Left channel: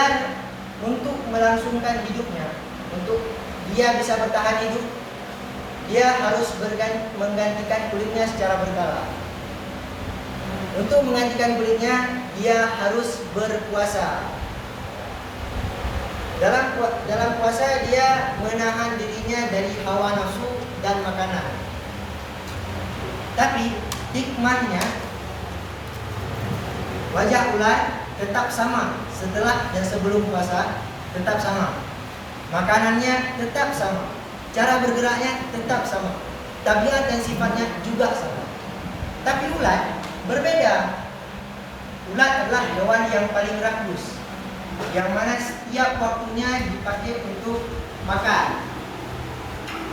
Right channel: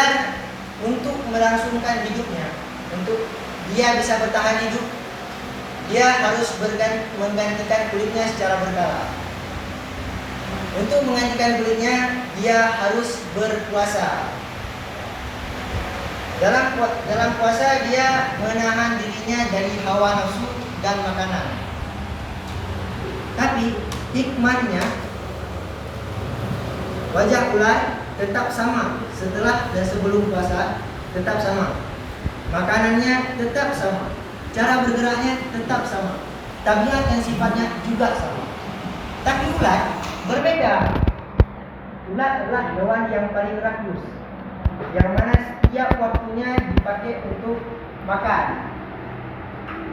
ular untuk melangsungkan hidupnya, untuk dia bisa bertahan hidup, dia harus menggantikan kulitnya secara berkala. Untuk menggantikan kulitnya, dia harus berpuasa. Dalam puasa dia menahan dirinya dari hawa nafsu dan makanan. Tapi hikmahnya, wajah ular tetap sama setelah dan sebelum puasa, tetap sama. Makanannya tetap sama, cara bergeraknya tetap sama, tabiat dan sifatnya juga sama. Tapi ular berbeda. Ular adalah hewan yang paling rakus, yang mana setiap waktunya dipakai untuk makan.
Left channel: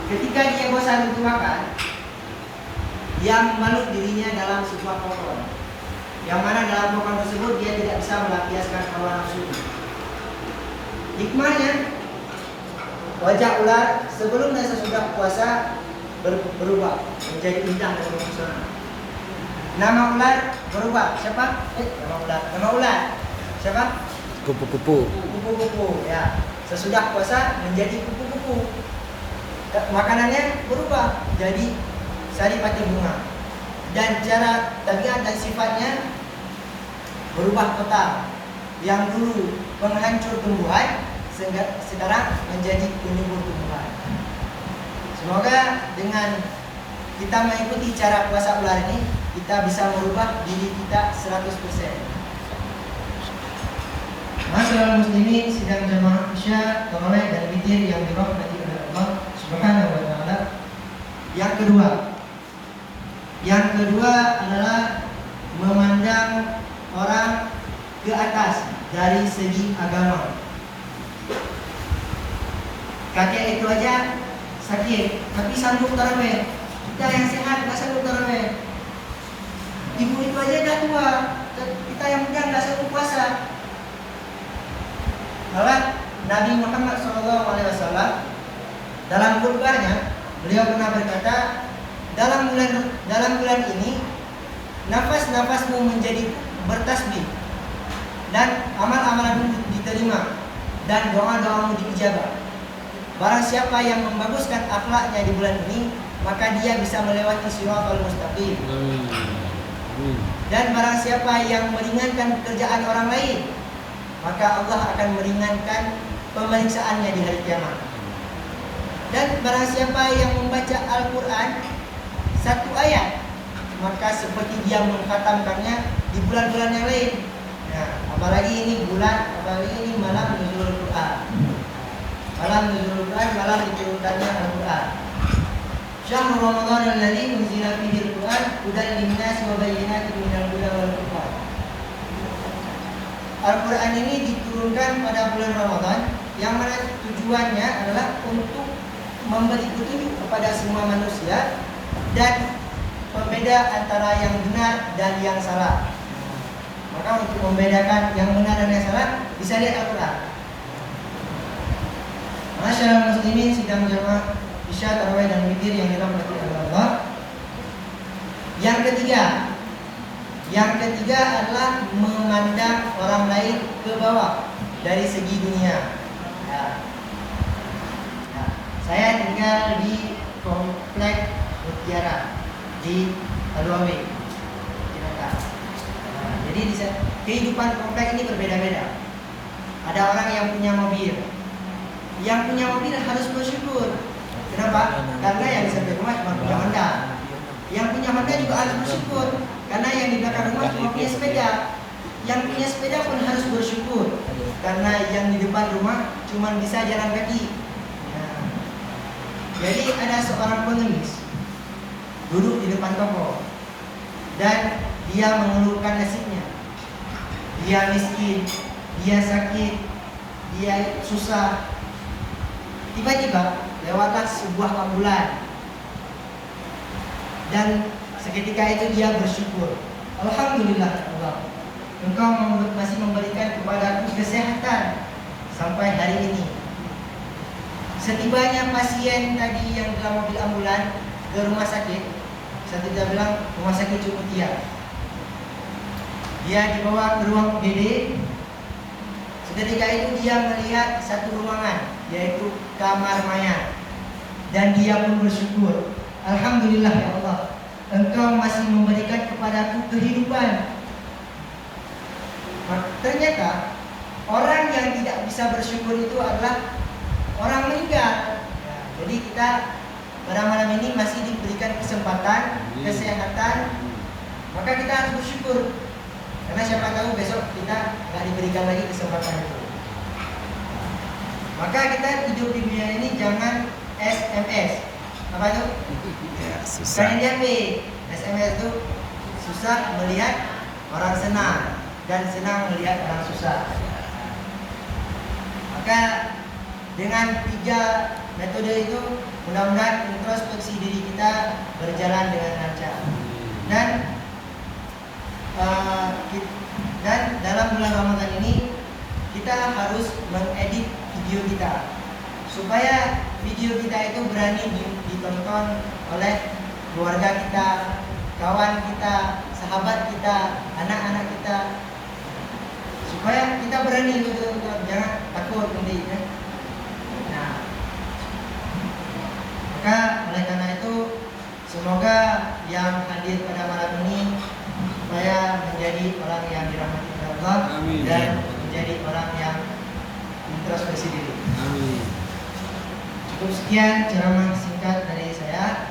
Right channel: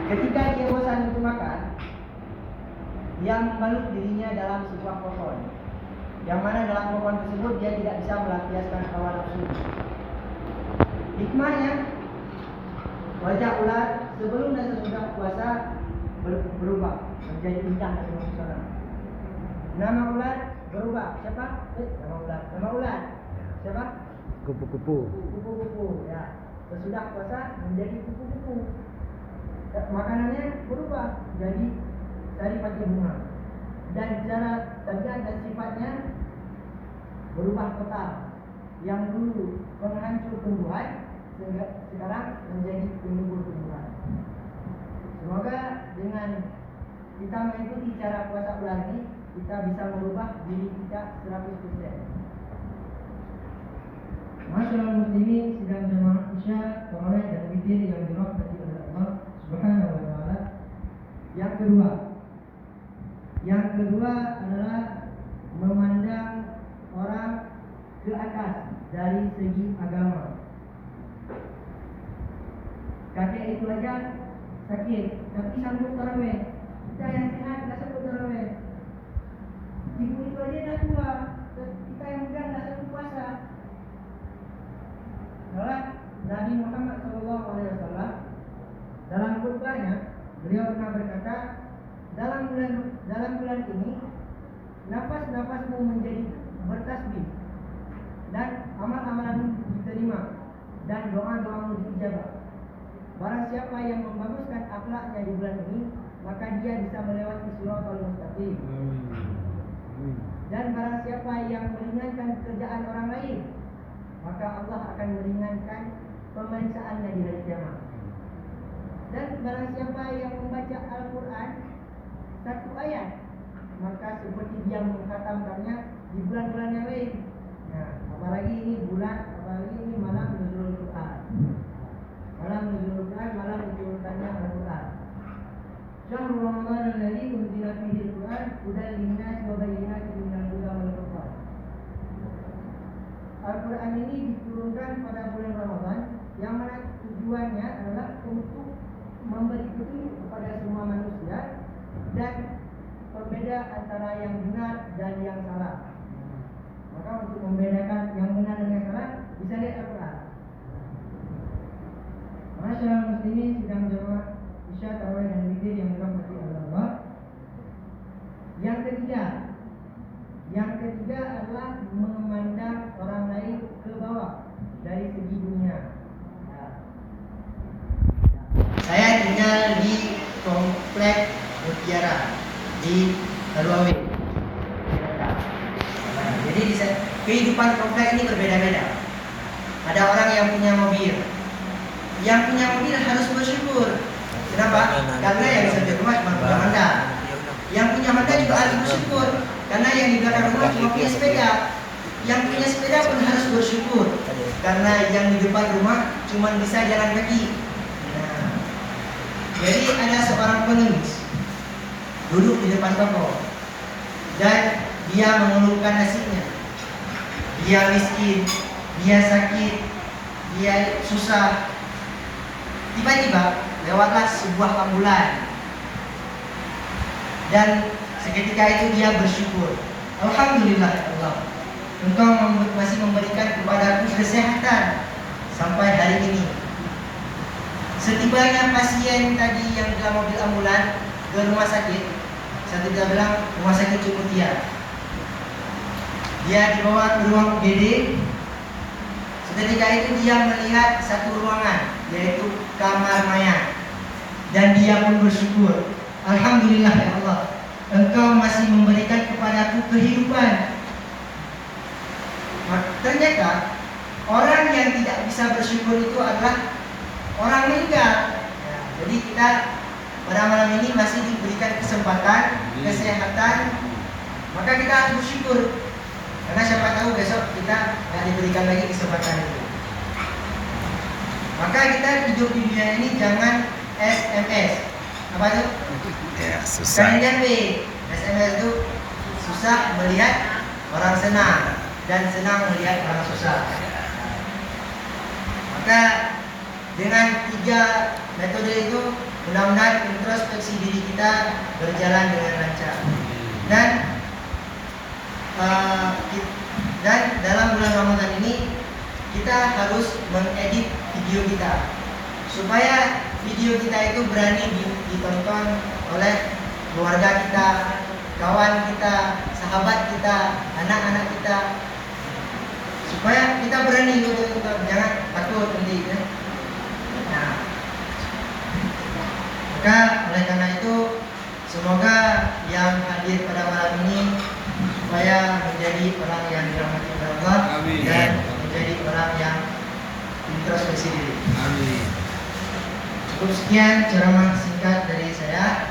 Ketika dia bosan untuk makan, dia membalut dirinya dalam sebuah pohon, yang mana dalam pohon tersebut dia tidak bisa melampiaskan hawa nafsu. Hikmahnya, wajah ular sebelum dan sesudah puasa berubah menjadi indah dan mempesona. Nama ular berubah. Siapa? Nama ular. Siapa? Kupu-kupu. Kupu-kupu. Ya. Sesudah puasa menjadi kupu-kupu. Makanannya berubah jadi saripati bunga. Dan cara tabiat dan sifatnya berubah total. Yang dulu penghancur tumbuhan sekarang menjadi penumbuh tumbuhan. Semoga dengan kita mengikuti cara puasa ular ini, kita bisa merubah diri kita 100%. Masyaallah muslimin sidang jamaah Isya, tarawih dan witir yang dirahmati oleh Allah Subhanahu wa taala. Yang kedua adalah memandang orang ke atas dari segi agama. Kakek itu aja sakit, tapi sanggup tarawih. Kita yang sehat nggak sanggup tarawih. Ibu itu aja dah tua, kita yang muda nggak sanggup puasa. Malah Nabi Muhammad SAW dalam khutbahnya beliau pernah berkata, dalam bulan ini nafas-nafasmu menjadi bertasbih dan amal-amalanmu diterima dan doa-doamu diijabah. Barang siapa yang membaguskan akhlaknya di bulan ini, maka dia bisa melewati shiratal mustaqim. Dan barang siapa yang meringankan pekerjaan orang lain, maka Allah akan meringankan pemeriksaannya di hari kiamat. Dan barang siapa yang membaca Al-Quran satu ayat, maka seperti dia mengkhatamkannya di bulan-bulan yang lain. Nah, apalagi ini malam nuzulul Quran. Malam nuzulul Quran, malam diturunkannya Al-Quran. Syahrul Ramadan alladzi unzila fihi al-Quran hudan lin-nasi wa bayyinatin minal huda wal furqan. Al-Quran ini diturunkan pada bulan Ramadan, yang mana tujuannya adalah untuk memberi petunjuk kepada semua manusia dan pembeda antara yang benar dan yang salah. Maka untuk membedakan yang benar dan yang salah, bisa lihat Al-Quran. Masyaallah muslimin sidang jamaah Isya, tarawih dan witir yang dirahmati Allah. Yang ketiga adalah memandang orang lain ke bawah dari segi dunia. Saya tinggal di komplek Mutiara di Paluawe. Jadi kehidupan komplek ini berbeda-beda. Ada orang yang punya mobil. Yang punya mobil harus bersyukur. Kenapa? Karena yang di samping rumah cuma punya Honda. Yang punya Honda juga harus bersyukur, karena yang di belakang rumah cuma punya sepeda. Yang punya sepeda pun harus bersyukur, karena yang di depan rumah cuma bisa jalan kaki. Nah, jadi ada seorang pengemis duduk di depan toko dan dia mengeluhkan nasibnya. Dia miskin, dia sakit, dia susah. Tiba-tiba lewatlah sebuah ambulan dan seketika itu dia bersyukur. Alhamdulillah ya Allah, Engkau masih memberikan kepadaku kesehatan sampai hari ini. Setibanya pasien tadi yang dalam mobil ambulan ke rumah sakit, saya tidak bilang rumah sakit Cumutia. Dia dibawa ke ruang UGD, Ketika itu dia melihat satu ruangan, yaitu kamar mayat, dan dia pun bersyukur, Alhamdulillah ya Allah, Engkau masih memberikan kepadaku kehidupan. Ternyata orang yang tidak bisa bersyukur itu adalah orang meninggal. Ya, jadi kita pada malam ini masih diberikan kesempatan, kesehatan, maka kita harus bersyukur. Karena siapa tahu besok kita nggak diberikan lagi kesempatan itu. Maka kita hidup di dunia ini jangan SMS. Apa itu? Ya, susah. Kalian SMS itu susah melihat orang senang dan senang melihat orang susah. Maka dengan 3 metode itu mudah-mudahan introspeksi diri kita berjalan dengan lancar. Dan dalam bulan Ramadan ini kita harus mengedit video kita supaya video kita itu berani ditonton oleh keluarga kita, kawan kita, sahabat kita, anak-anak kita, supaya kita berani untuk jangan takut nanti ya. Nah, maka oleh karena itu semoga yang hadir pada malam ini supaya menjadi orang yang dirahmati oleh Allah. Amin. Dan menjadi orang yang introspeksi diri. Amin. Cukup sekian ceramah singkat dari saya.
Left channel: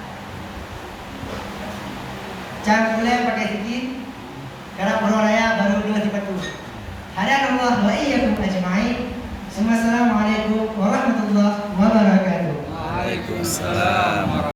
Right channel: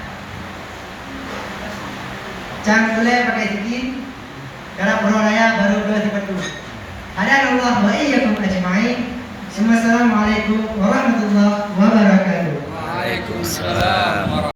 Jangan boleh pakai zikir karena berolahraga baru 2:30. Hadanallah wa iyyakum ajma'in. Assalamualaikum warahmatullahi wabarakatuh. Waalaikumsalam.